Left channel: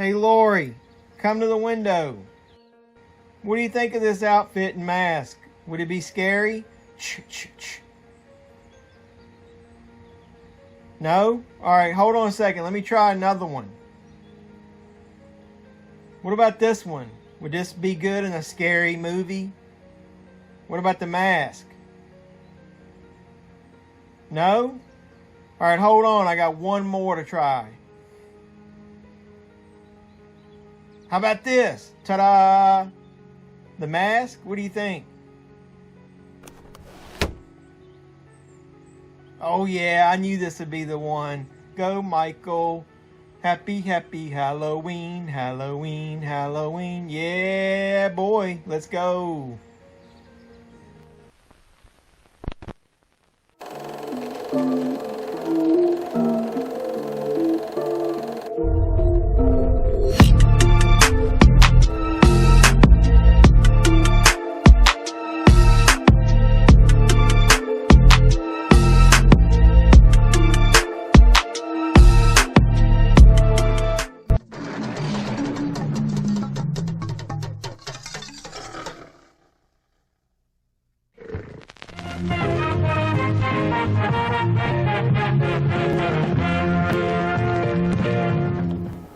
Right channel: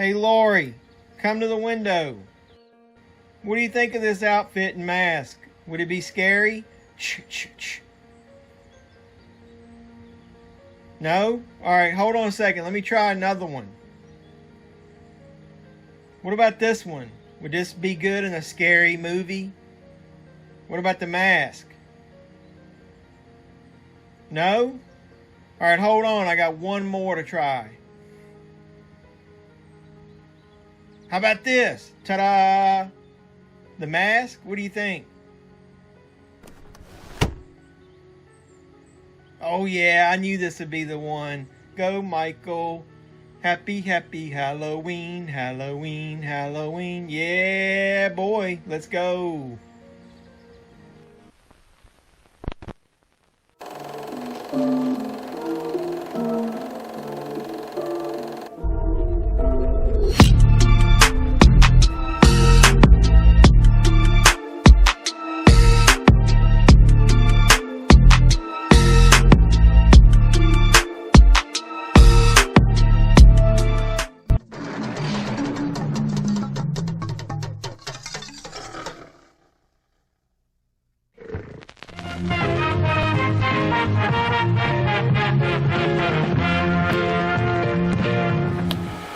Hey Lori, come to the window. What do you think of this outfit and mask? Would it be scary? No? Alright, hold on a second. Let me try another one. What about this one? Would this be good in a scary movie? What about the mask? No? Alright, hold on. I got one more to try. How about this? Ta-da! The mask? What do you think? Oh yeah, I knew this would be the one. Go Michael. Happy, happy Halloween, Halloween, Halloween. Yeah, boy, let's go.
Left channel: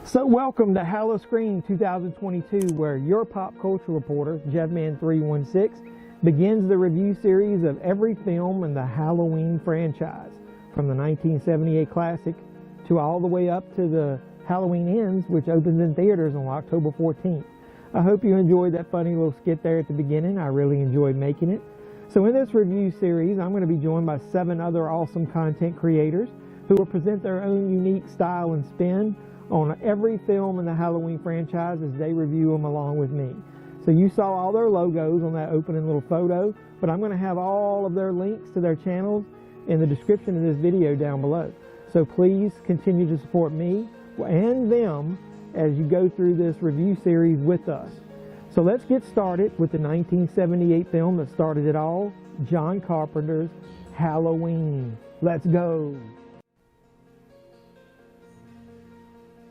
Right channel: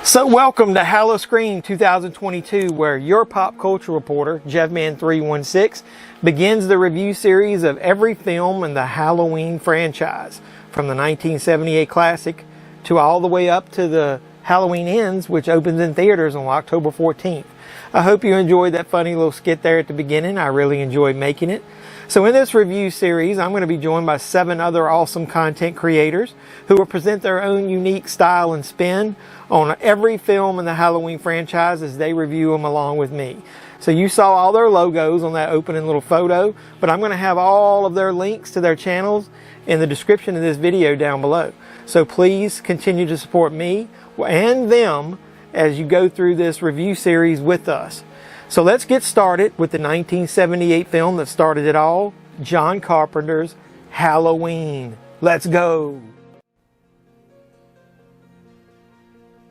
So welcome to HalloSCREAM 2022, where your pop culture reporter, JevMan316, begins the review series of every film in the Halloween franchise, from the 1978 classic to all the way up to the Halloween Ends, which opens in theaters on October 14th. I hope you enjoyed that funny little skit there at the beginning. I really enjoyed making it. So in this review series, I'm going to be joined by 7 other awesome content creators who will present their own unique style and spin on every film in the Halloween franchise as they review them along with me. So you saw all their logos on that opening little photo, but I'm going to have all of their links to their channels in the description of this video down below. So please continue to support me and them as you go through this review series with us. So let's get started with the 1978 film that started it all, John Carpenter's Halloween. Let's go.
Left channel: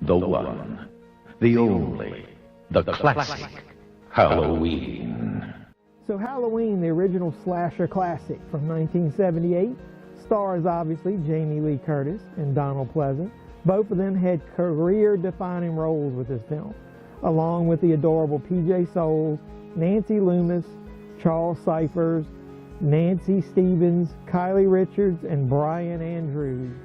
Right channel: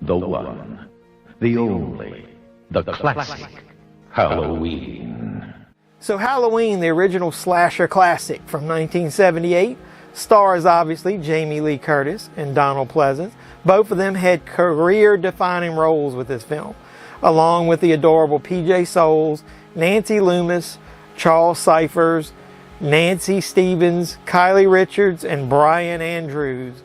The one, the only, the classic Halloween. So Halloween, the original slasher classic from 1978, stars obviously Jamie Lee Curtis and Donald Pleasence. Both of them had career-defining roles with this film, along with the adorable PJ Soles, Nancy Loomis, Charles Cyphers, Nancy Stevens, Kylie Richards, and Brian Andrews.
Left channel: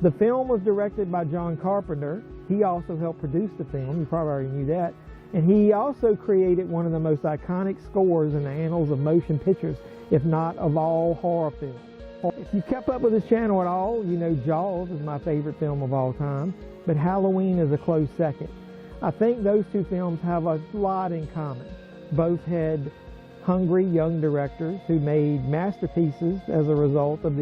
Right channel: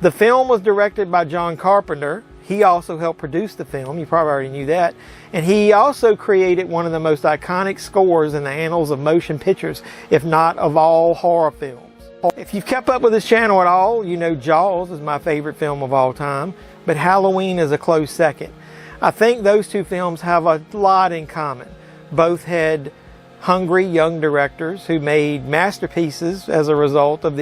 The film was directed by John Carpenter. He also helped produce the film. You probably already knew that. And he also created one of the most iconic scores in the annals of motion pictures, if not of all horror films. If you've kept up with this channel at all, you know Jaws is my favorite film of all time, but Halloween is a close second. I think those two films have a lot in common. Both had hungry young directors who made masterpieces as a result of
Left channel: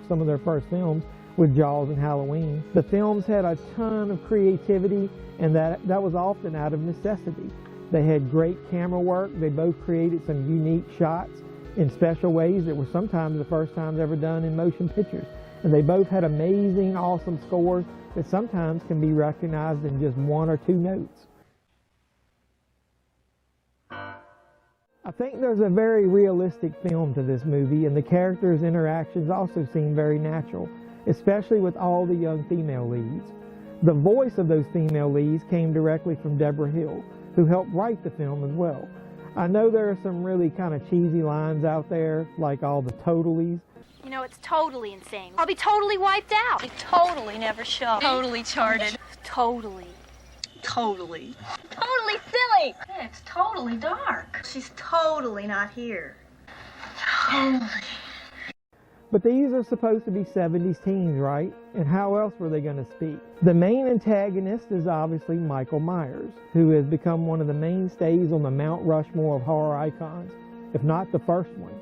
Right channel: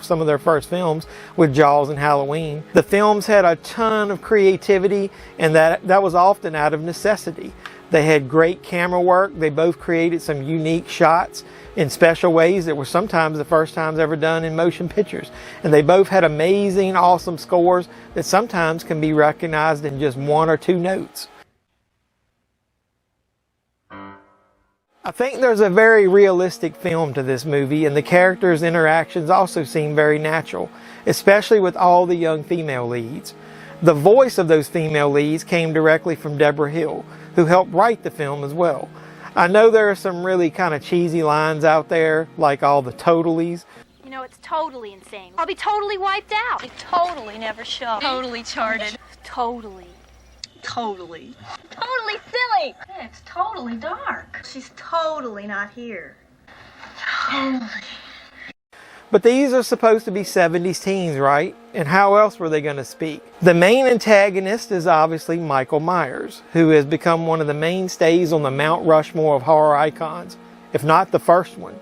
some of their first films with Jaws and Halloween. The films had a ton of creativity, and that was often out of necessity. They had great camera work. They both created some unique shots in special ways that were sometimes the first times ever done in motion pictures. And they both had amazing, awesome scores that sometimes can be recognized in just 1 or 2 notes. I think there's a very realistic film to this movie, and the characters' interactions also seem very natural, especially with all the young female leads. The voice of those female leads came directly from Debra Hill, who helped write the film as well. I know there are some really kind of cheesy lines out there, like all the totallys. You know, it's totally insane. I'll be totally wiped out. I totally never show. Totally charted. Totally. Totally. Totally silly. Yeah, it's totally dark. She's totally not here. Totally. But these are supposed to be 70s teens, right? And how else were they going to speak? The main antagonist is obviously Michael Myers, who has become one of the mainstays on the Mount Rushmore of horror icons, if not the first one.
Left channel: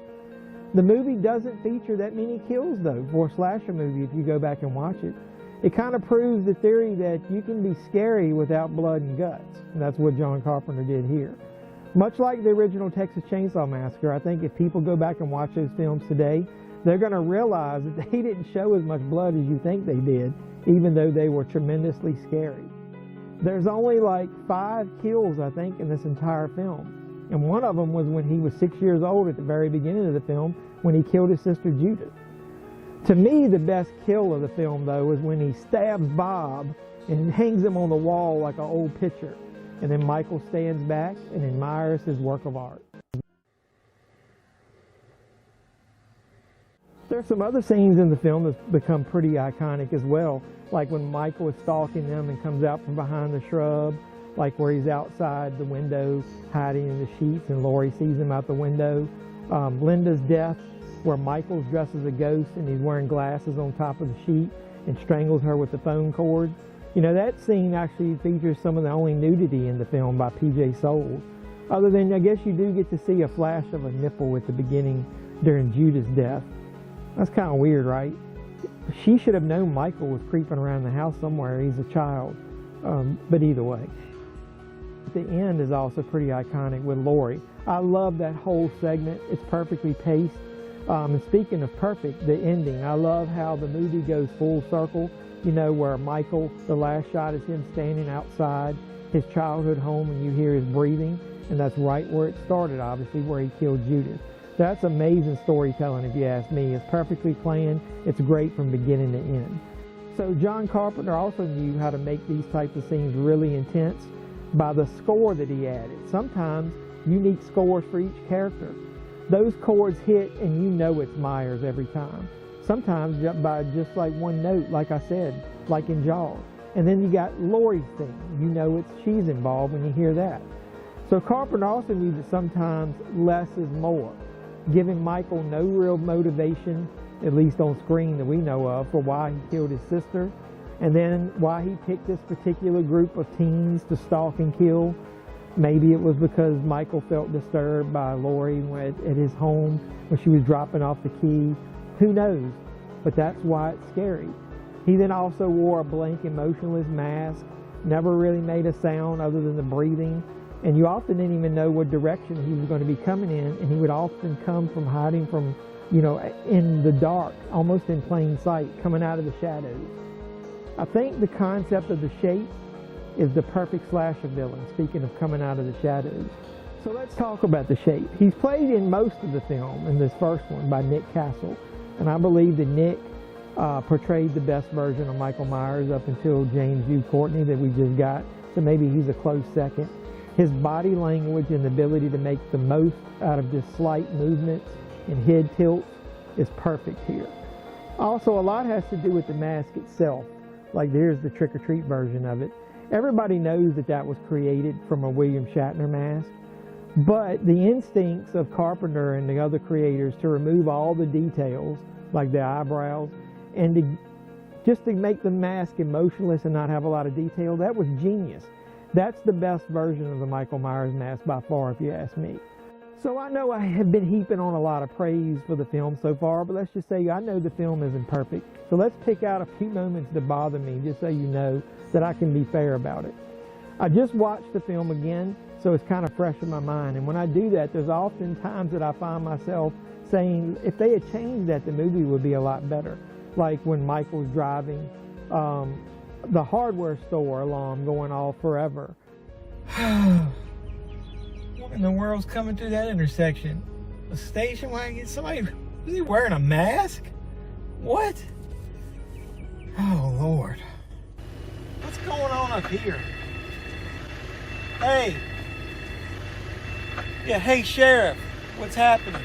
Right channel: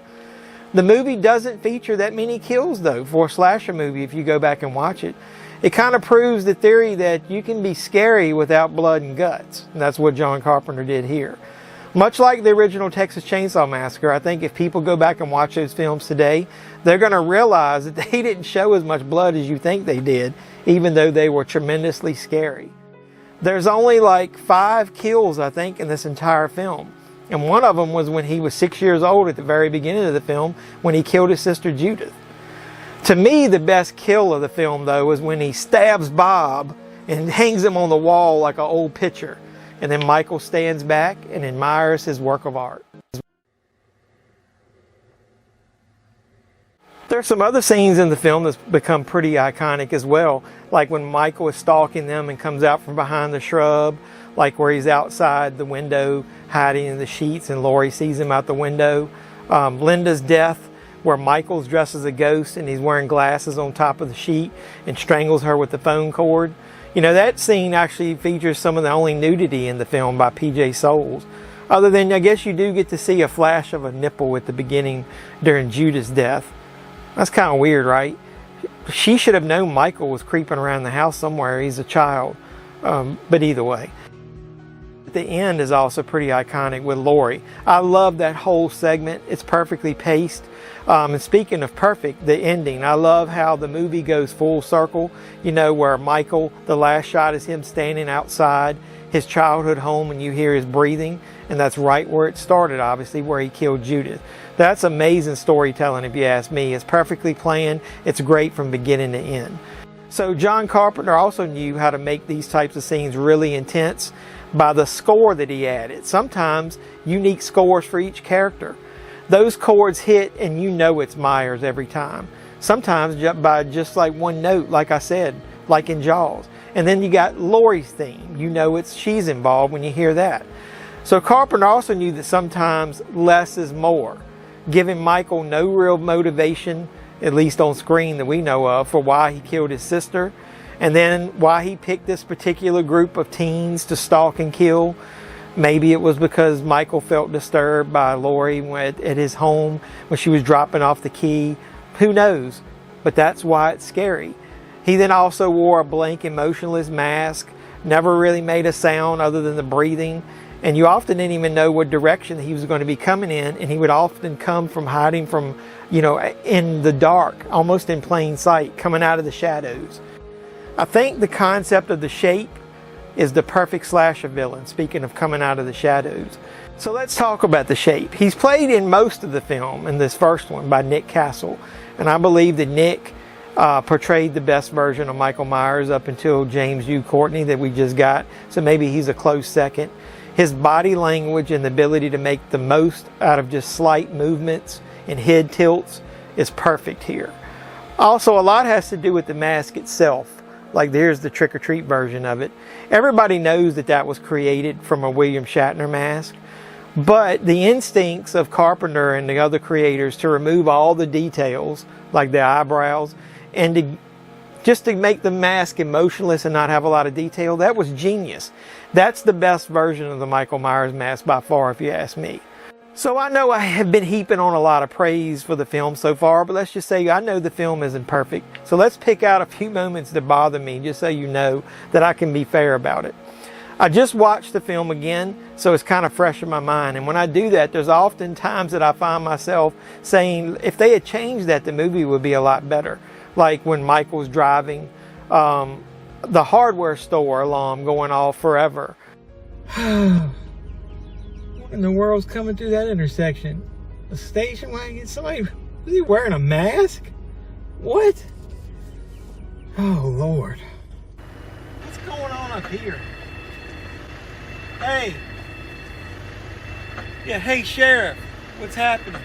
The movie doesn't feature that many kills, though, for a slasher movie if you go back and watch it. It kind of proves the theory that you can be scary without blood and guts. And that's what John Carpenter did here. Much like the original Texas Chainsaw Massacre, I think if people go back and watch those films today, they're going to realize that they didn't show as much blood as you think they did, even though they were tremendously scary. There's only like 5 kills, I think, in this entire film. And one of them was when he was 6 years old at the very beginning of the film, when he killed his sister Judith. To me, the best kill of the film, though, is when he stabs Bob and hangs him on the wall like an old picture. And then Michael stands back and admires his work of art. There's some other scenes in the film that's become pretty iconic as well, like when Michael is stalking them and comes out from behind the shrub, like where he's outside the window hiding in the sheets and Laurie sees him out the window. Linda's death, where Michael's dressed as a ghost and he's wearing glasses on top of the sheet and strangles her with the phone cord. You know, that scene actually features some of the only nudity in the film by P.J. Soles. Other than, I guess you do get to see a flash of a nipple at the beginning during Judith's death. That's kind of weird, right? She should have known Michael was creeping around the house somewhere. He's a child. But either way. The end is also pretty iconic with Laurie. I love that whole segment. It's perfectly paced. And speaking of perfect, the ending. I love how the movie goes full circle. You know, where Michael, the last shot is him standing outside his childhood home and you hear his breathing. And that's right where it started, obviously, where he killed Judith. That's amazing storytelling, if you ask me. It's perfectly planned. It's great from beginning to end. So John Carpenter also knew how to make these types of scenes really intense by the score that he added. Sometimes unique scores for each character. Those chords hit and you know it's Myers every time. Sometimes by just like one note, like I said, like in Jaws. And then you got Laurie's theme. You know she's involved when you hear that. So Carpenter also knew that sometimes less is more, giving Michael no real motivation, at least on screen that we know of, for why he killed his sister, and then why he picked this particular group of teens to stalk and kill. Maybe it was because Michael felt disturbed by Laurie at his home when she was dropping off the key. Who knows? But that's why it's scary. He then also wore a blank, emotionless mask, never really made a sound other than the breathing. And you often didn't even know what direction he was going to be coming in. And he would often come from hiding from, you know, in the dark, almost in plain sight, coming out of the shadows. I think the concept of the shape is the perfect slasher villain, speaking of coming out of the shadows. So let's talk about the shape. He's played in most of the film, in this first one, by Nick Castle. And I believe that Nick portrayed the best version of Michael Myers up until James U. Courtney that we just got. So maybe he's a close second. His body language and the ability to make the most out of just slight movements and head tilts is perfect here. Also, a lot has to do with the mask itself. Like there's the trick-or-treat version of it. Everybody knows that that was created from a William Shatner mask. But the instincts of Carpenter and the other creators to remove all the details, like the eyebrows, and just to make the mask emotionless and not have a lot of detail, that was genius. That's the best version of the Michael Myers mask by far, if you ask me. So I know I have been heaping on a lot of praise for the film so far, but let's just say I know the film isn't perfect. So let's pick out a few moments that bother me, just so you know that I can be fair about it. I just watched the film again, so it's kind of fresh in my mind. And when I do that, there's often times that I find myself saying, if they had changed that, the movie would be a lot better. Like when Michael's driving the hardware store alarm going off forever. What in the world's coming through that intersection? A station wagon? Somebody, is he wearing a mask? What? Oh, Lord. What's going on up here? Hey. Yeah, hey, Sheriff. What's happening?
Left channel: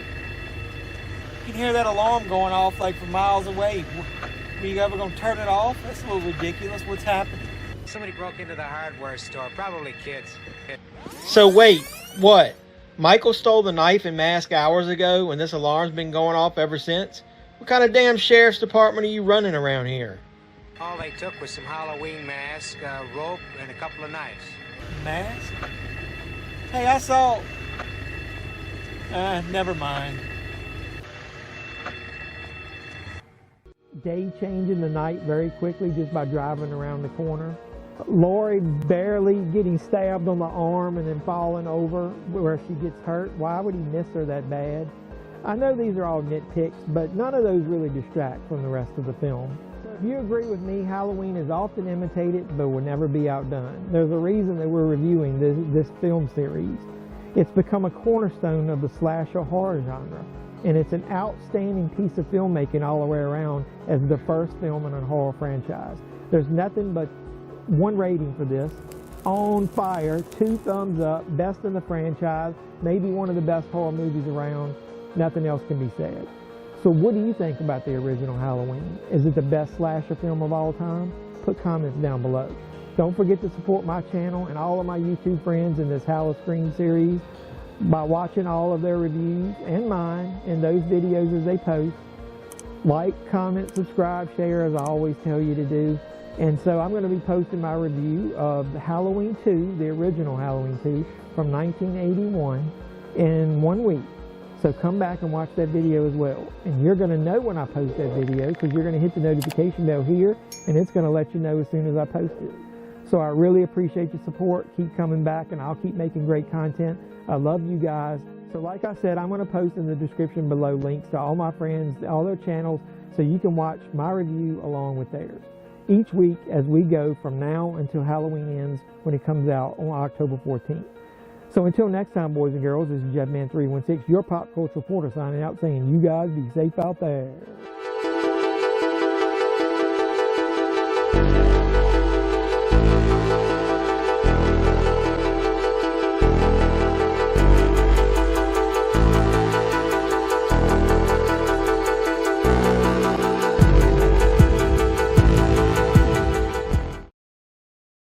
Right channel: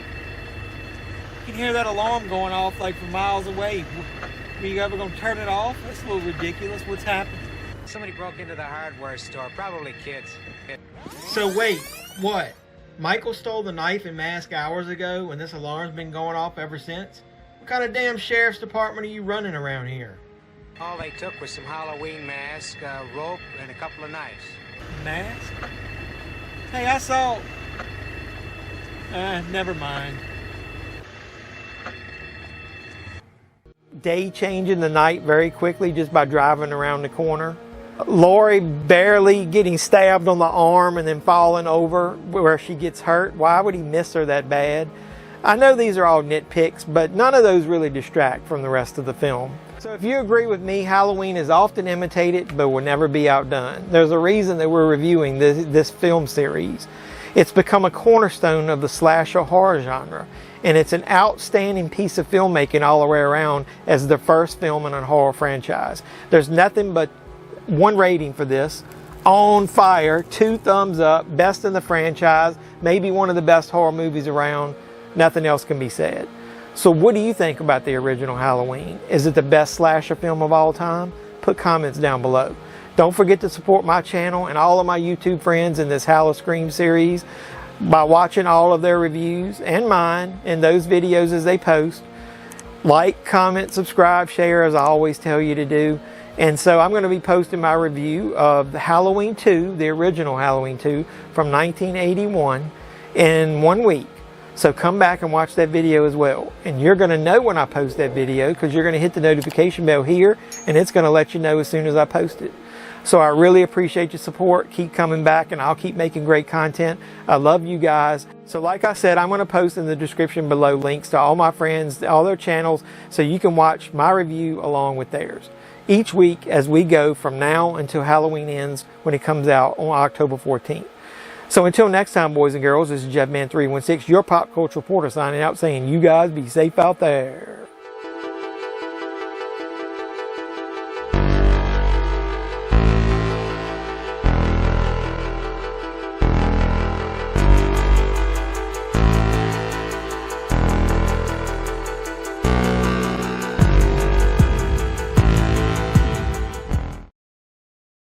You can hear that alarm going off like from miles away. Are you ever going to turn it off? That's a little ridiculous. What's happening? Somebody broke into the hardware store, probably kids. So wait, what? Michael stole the knife and mask hours ago and this alarm's been going off ever since? What kind of damn sheriff's department are you running around here? All they took was some Halloween mask, rope, and a couple of knives. Mask? Hey, I saw... never mind. Day changing the night very quickly just by driving around the corner. Laurie barely getting stabbed on the arm and then falling over where she gets hurt. Why would he miss her that bad? I know these are all nitpicks, but none of those really distract from the rest of the film. So if you agree with me, Halloween is often imitated but will never be outdone. There's a reason that we're reviewing this film series. It's become a cornerstone of the slasher horror genre, and it's an outstanding piece of filmmaking all the way around as the first film in a horror franchise. There's nothing but one rating for this. On fire, 2 thumbs up, best in the franchise, maybe one of the best horror movies around. Nothing else can be said. So what do you think about the original Halloween? Is it the best slasher film of all time? Put comments down below. Don't forget to support my channel and all of my YouTube friends in this HalloSCREAM series by watching all of their reviews and mine in those videos as they post. Like, comment, subscribe, share, as I always tell you to do. And so I'm going to be posting my review of Halloween 2, the original Halloween 2 from 1981 in 1 week. So come back and watch that video as well. And you're going to know when I post that video because you're going to hit the notification bell here and it's going to let you know as soon as I post it. So I really appreciate your support. Keep coming back and I'll keep making great content. I love you guys. So like I said, I'm going to post in the description below links to all my friends, all their channels, so you can watch my review along with theirs each week as we go from now until Halloween ends when it comes out on October 14th. So until next time, boys and girls, this is JeffMan316, your pop culture reporter, signing out saying you guys be safe out there.